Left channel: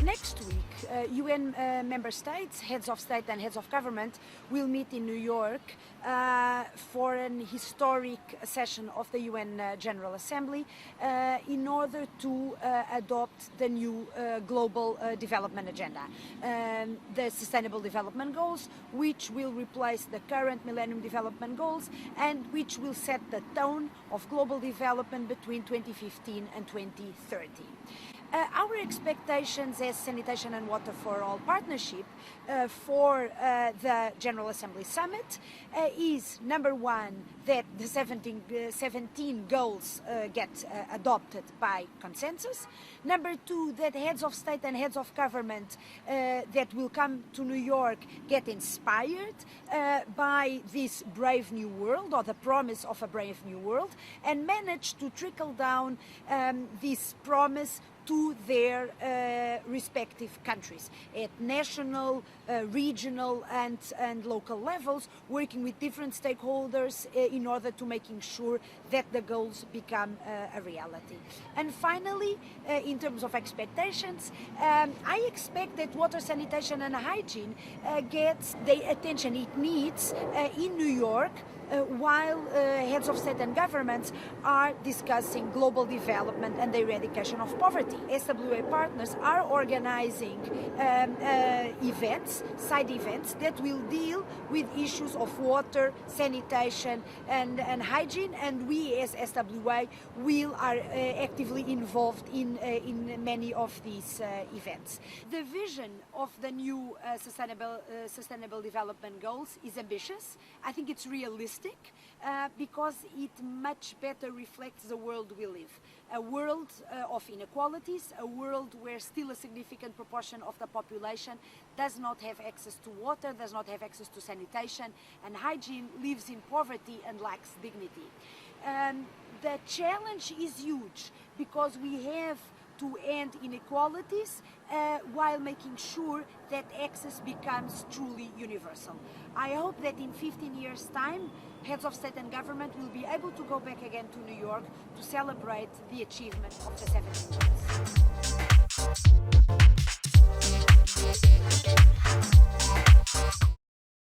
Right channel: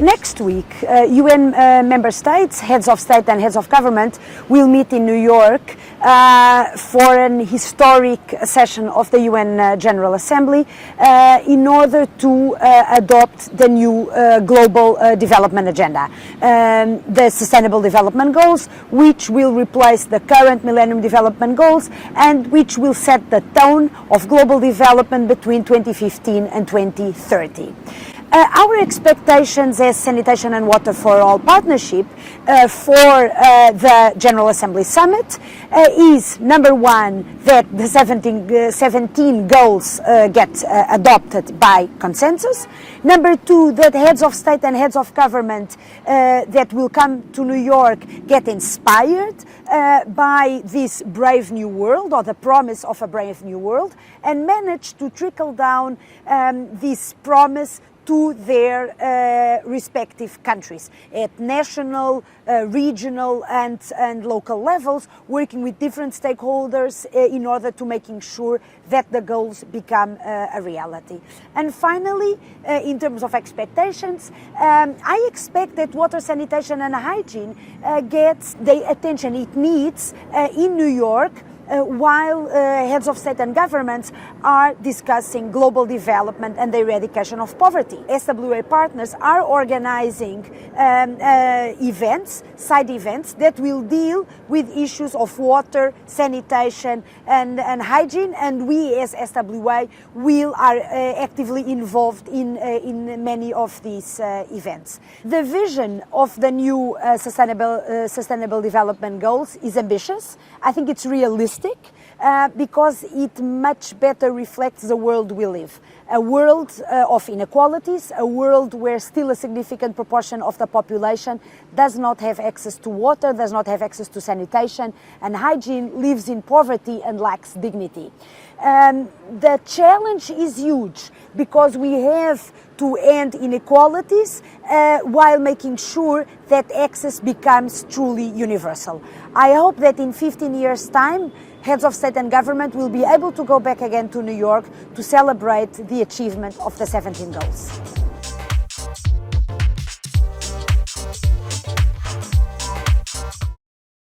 Next week, UN member states, heads of state and heads of government will meet in New York for an historic session of the UN General Assembly in order to adopt the new global development agenda, the Sustainable Development Goals, which will replace the current Millennium Development Goals and which will set the tone of global development between 2015 and 2030. Our expectations as Sanitation and Water for All partnership for the General Assembly Summit is, number one, that the 17 goals get adopted by consensus. Number two, that heads of state and heads of government that will come to New York get inspired by this brave new world, or the promise of a brave new world, and manage to trickle down this promise to their respective countries at national, regional and local levels, working with different stakeholders in order to making sure that the goals become a reality. And finally, in terms of expectations, I expect that water, sanitation and hygiene gets the attention it needs in New York, while heads of state and governments are discussing global development and the eradication of poverty. SWA partners are organizing side events that will deal with issues of water, sanitation and hygiene, and we as SWA are actively involved in many of these events. The vision of the new Sustainable Development Goals is ambitious. I think it's realistic. Because it much better reflects the world we live. A world of inequalities, a world where still a significant proportion of the population does not have access to water, does not have access to sanitation and hygiene, lives in poverty and lacks dignity. The challenge is huge because we have to end inequalities while making sure that access becomes truly universal. I hope that in 15 years' time, heads of state and government will be able to go back again to New York to celebrate the achievement of the 17 goals.